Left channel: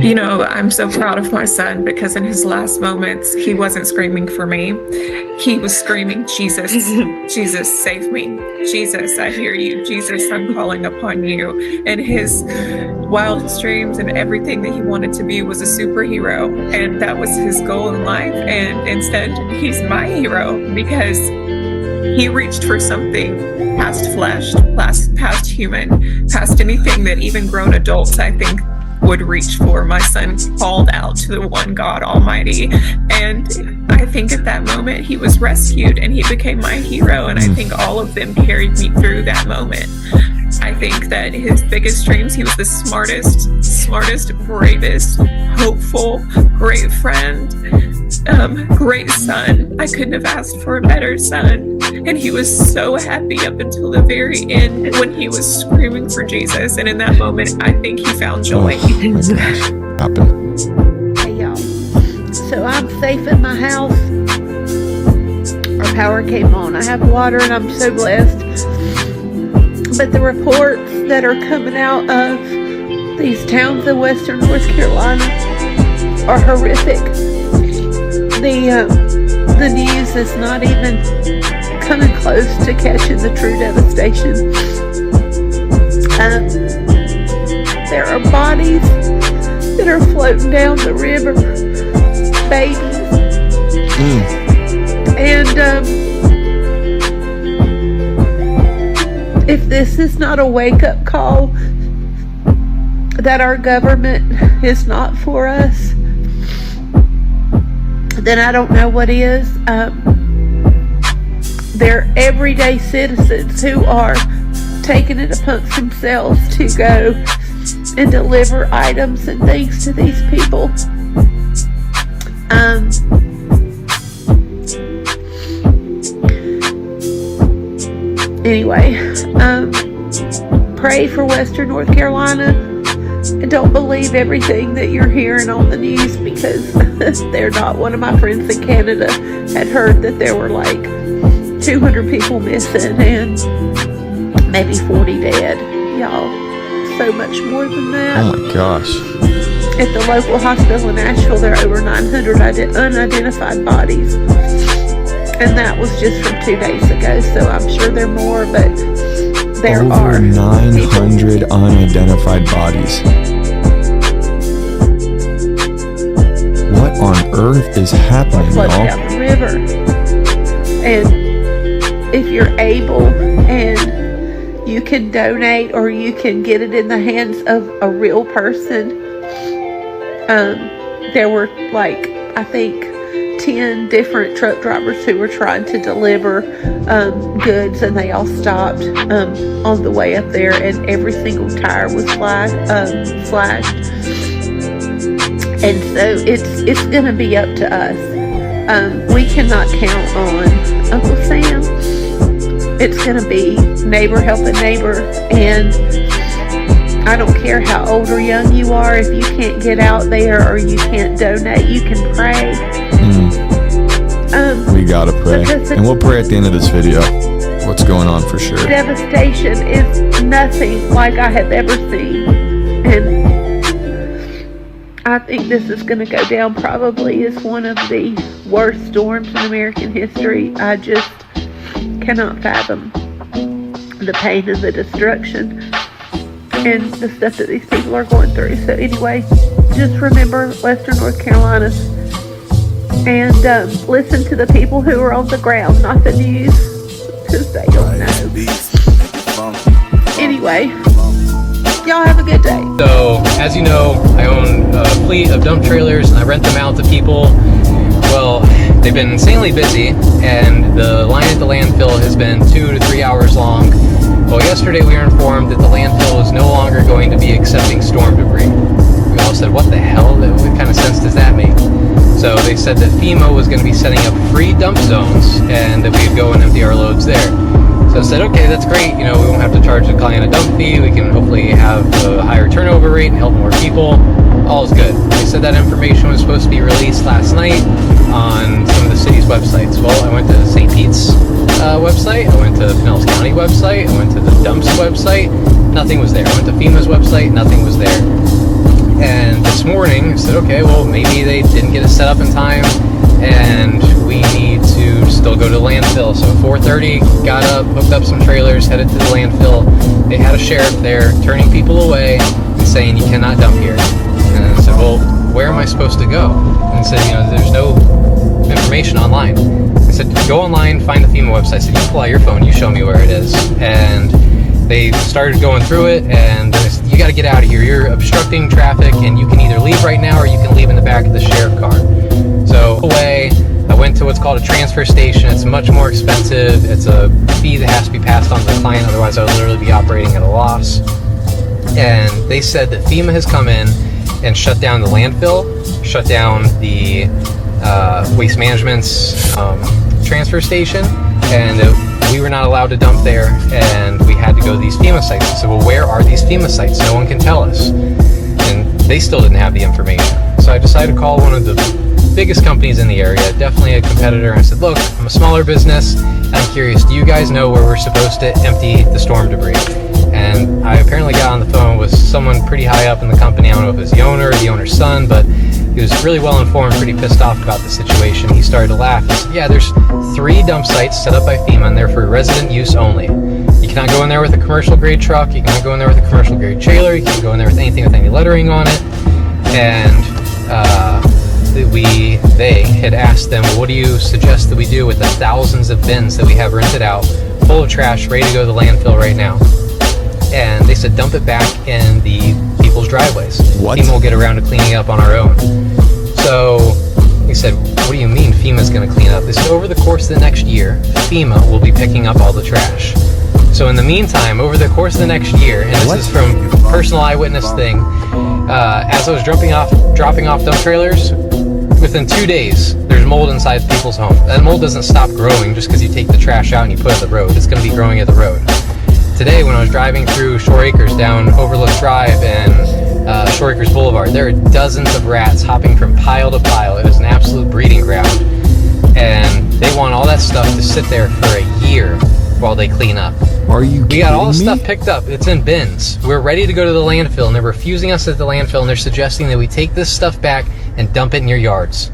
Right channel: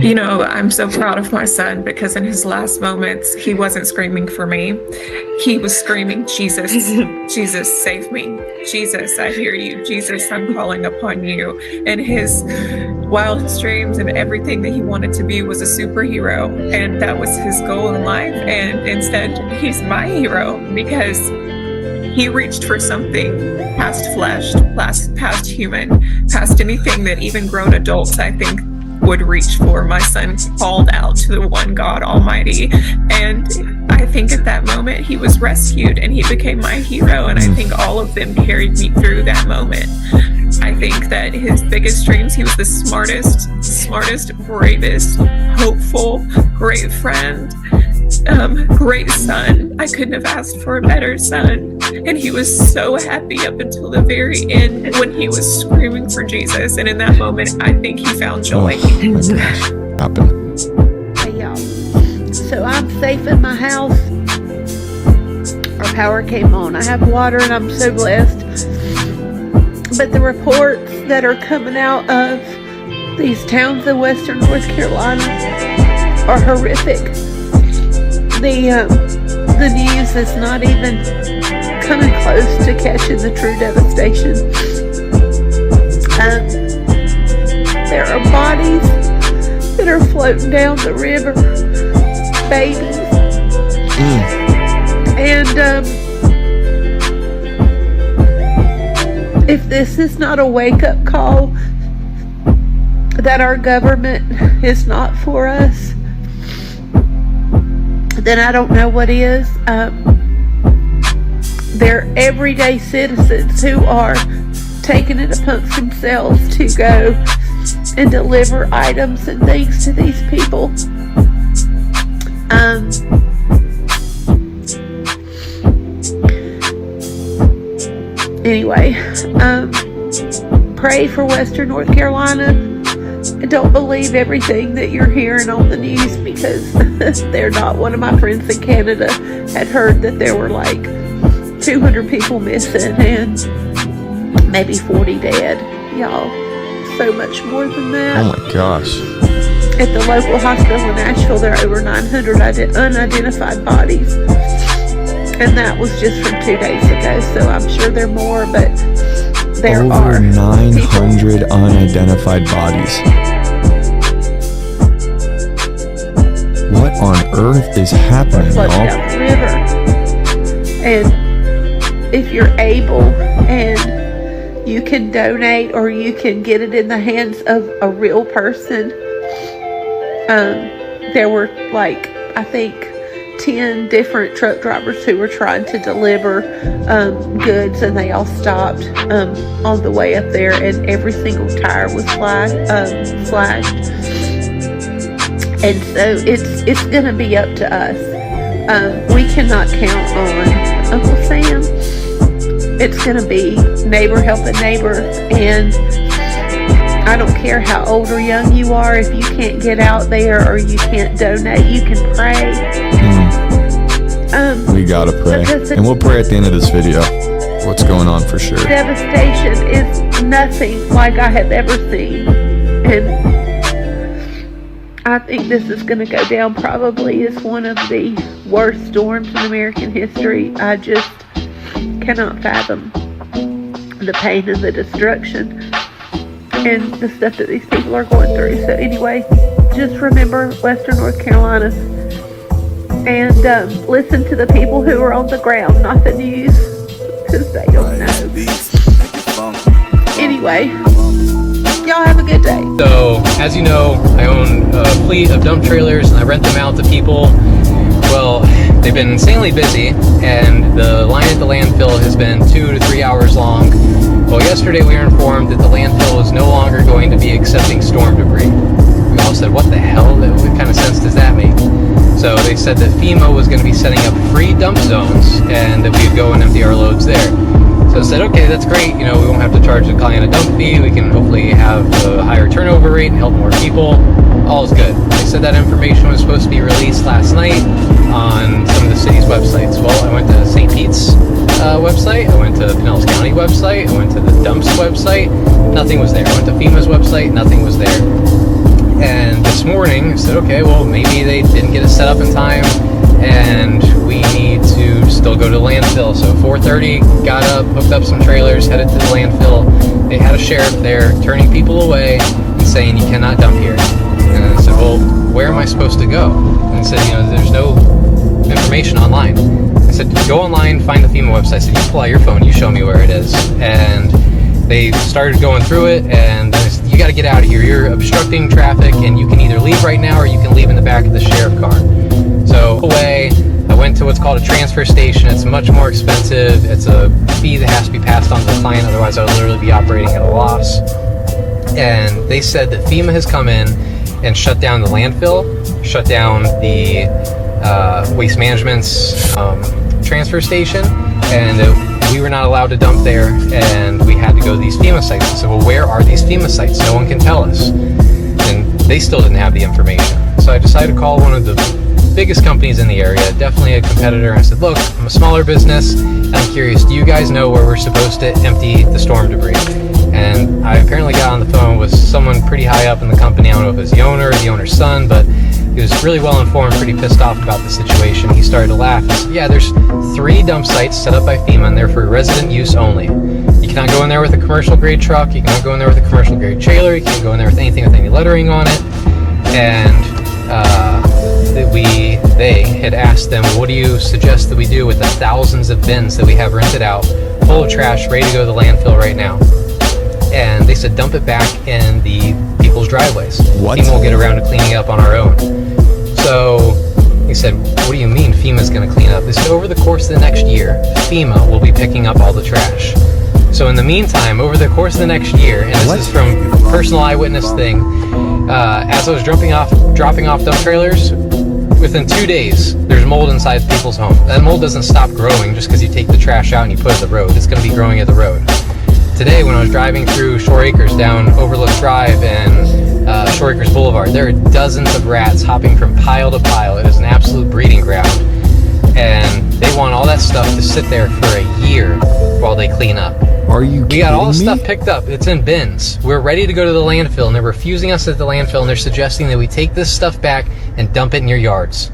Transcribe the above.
You know, I'm so proud of my son because in his last moments, he wasn't screaming for me. He was screaming, Jesus, Jesus, save me. Jesus, I hear you. Jesus, I'm calling upon you. And his wildest dreams and everything that he wanted to be was a superhero. And that was his goal in life. And instead, he's my hero because he reached for something past flesh, past human, past anything that even grown adults, I think, would reach for. My son called out to the one God Almighty. And I think at that moment he was rescued and he became my hero. And I think all of them carried me through that moment. I think that his biggest dreams, he was the smartest, bravest, hopeful, great friend, great son. I couldn't have asked for a better son. And he was so happy up until the very end when he was screaming for Jesus. And in that moment, I think he found joy. Oh my gosh. Happened. Hey y'all. So I'm safe in my house. Our power came on. I have water and I'm so blessed. But the reports that are coming out of these towns in western North Carolina are horrific. The news is not even coming close to catching the true devastation. There are bodies that are floating down the river, babies. And if this is not a wake-up call that our government is not for us, then I don't know what is. They're everyday citizens who are taking it upon themselves to go and deliver items and things to these people. Anyway, pray for Western North Carolina and don't believe everything that you're hearing on the news because they're not. One of my friends in Canada had heard that there were like 200 people missing and maybe 40 dead. Y'all, so much more than that. Oh my gosh. At the local hospital in Nashville, there are over 900 unidentified bodies. And that was just from 2 days ago, so I'm sure there are more, but there are over 900 people. Unidentified bodies. What on earth is happening, Flooding y'all? down the river. And if you're able and you can donate or you can get it in the hands of a real person, there were like, I think, 10 different truck drivers who were trying to deliver goods, and they all stopped on the way up there, and every single tire was slashed. And so it's going to be up to us. We cannot count on Uncle Sam. It's going to be neighbor helping neighbor, and I don't care how old or young you are. If you can't get out there or you can't donate, you can pray. We gotta pray, and we'll pray at the end of this video what's going on for sure. Devastation is nothing like I have ever seen, and I think this is going to go down probably as one of the worst storms in American history. I just cannot fathom the pain and the destruction and the stuff that these people are going through. So anyway, just remember Western North Carolina and listen to the people who are on the ground, not the news, because they don't know. Anyway, y'all have a good day. So, as you know, I own a fleet of dump trailers and I rent them out to people. Well, they've been insanely busy and the line at the landfill has been 2 to 3 hours long. Well, yesterday we were informed that the landfill is no longer going to be accepting storm debris. We all said, what the hell? What kind of sense does that make? So they said that FEMA was going to be setting up free dump zones and that we could go and empty our loads there. So I said, okay, that's great. You know, we won't have to charge the client a dump fee. We can hopefully have a higher turnover rate and help more people. All is good. They said that information was supposed to be released last night on some of the city's websites. Well, I went to St. Pete's website. I went to the Pinellas County website. I went to the dumps website. Nothing was there. I went to FEMA's website. Nothing was there. And this morning, I said, okay, well, maybe they didn't get it set up in time, and we need to still go to the landfill. So 4:30, got up, hooked up some trailers, headed to the landfill. They had a sheriff there turning people away and saying, you cannot dump here. And I said, well, where am I supposed to go? And I said, there's no information online. I said, go online, find the FEMA website. I said, you pull out your phone, you show me where it is. And they started going through it, and then they said, you got to get out of here. You're obstructing traffic, and you can either leave right now or you can leave in the back of the sheriff car. So away, I went to what's called a transfer station. It's much more expensive. It's a fee that has to be passed on to the client, otherwise I would literally be operating at a loss. And they said that FEMA has come in and shut down the landfill, shut down the Waste Management's transfer station, and we were not allowed to dump there, and we had to go to these FEMA sites. I said, well, where are these FEMA sites? No one can tell us. And they still didn't have the information. So I decided to call one of the biggest companies in the area, definitely a competitor. I said, look, I'm a smaller business, and I'm curious, do you guys know where we're supposed to empty the storm debris? And I apparently got on the phone with someone pretty high up in the company. I don't know if it was the owner or the owner's son, but he was really well informed, pretty pissed off about the situation. He started to laugh and said, yeah, there's 3 dump sites set up by FEMA, and they're for resident use only. You cannot go in there with a commercial grade truck, you cannot go in there with a commercial grade trailer, you can't go in there with anything with any lettering on it. And they had asked them, what do you suggest that we do with the thousands of bins that we have rented out, full of trash, ready to go to the landfill right now? And they said, dump it back in the people's driveways. What? FEMA will get around to cleaning up on our own. So he said, what do you mean FEMA's going to clean up? They said, over the course of the next year, FEMA will be picking up all the trash. So in the meantime, over the course of the next year, and this is from personal eyewitness thing, as I was dropping off dump trailers, within 2 days, there's mold inside people's home. That mold doesn't stop growing just because you take the trash out and you put it at the road. It's going to be growing at the road. Today, when I was driving through Shore Acres down Overlook Drive and Shore Acres Boulevard, there are dozens of rats hopping from pile to pile. It is an absolute breeding ground. And they want all that stuff to sit there for a year while they clean up. Are you kidding me? We got all the stuff picked up. It's in bins. We're ready to go to the landfill, and they're refusing us at the landfill, and they're suggesting that we take this stuff back and dump it in your yards.